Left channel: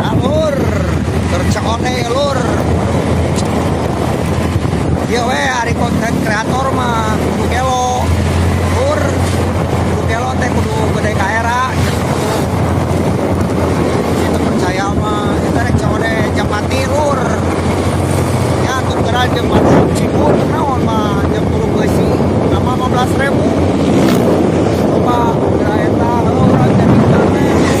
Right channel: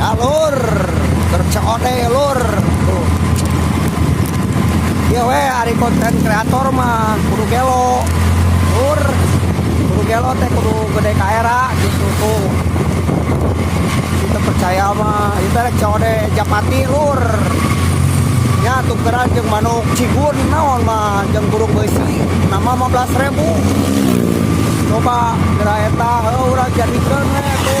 Alur tercode lur tuh. Iya we ari konten kreator mah kudu gelo lur, kudu gelo teh kudu gede kaera justru tuh kita percaya mah kita rek code japati lur ya tukeran jeung manuk cigun naon mah jeung burung beusi nama 15.000 coba geura eta urang jadikeun we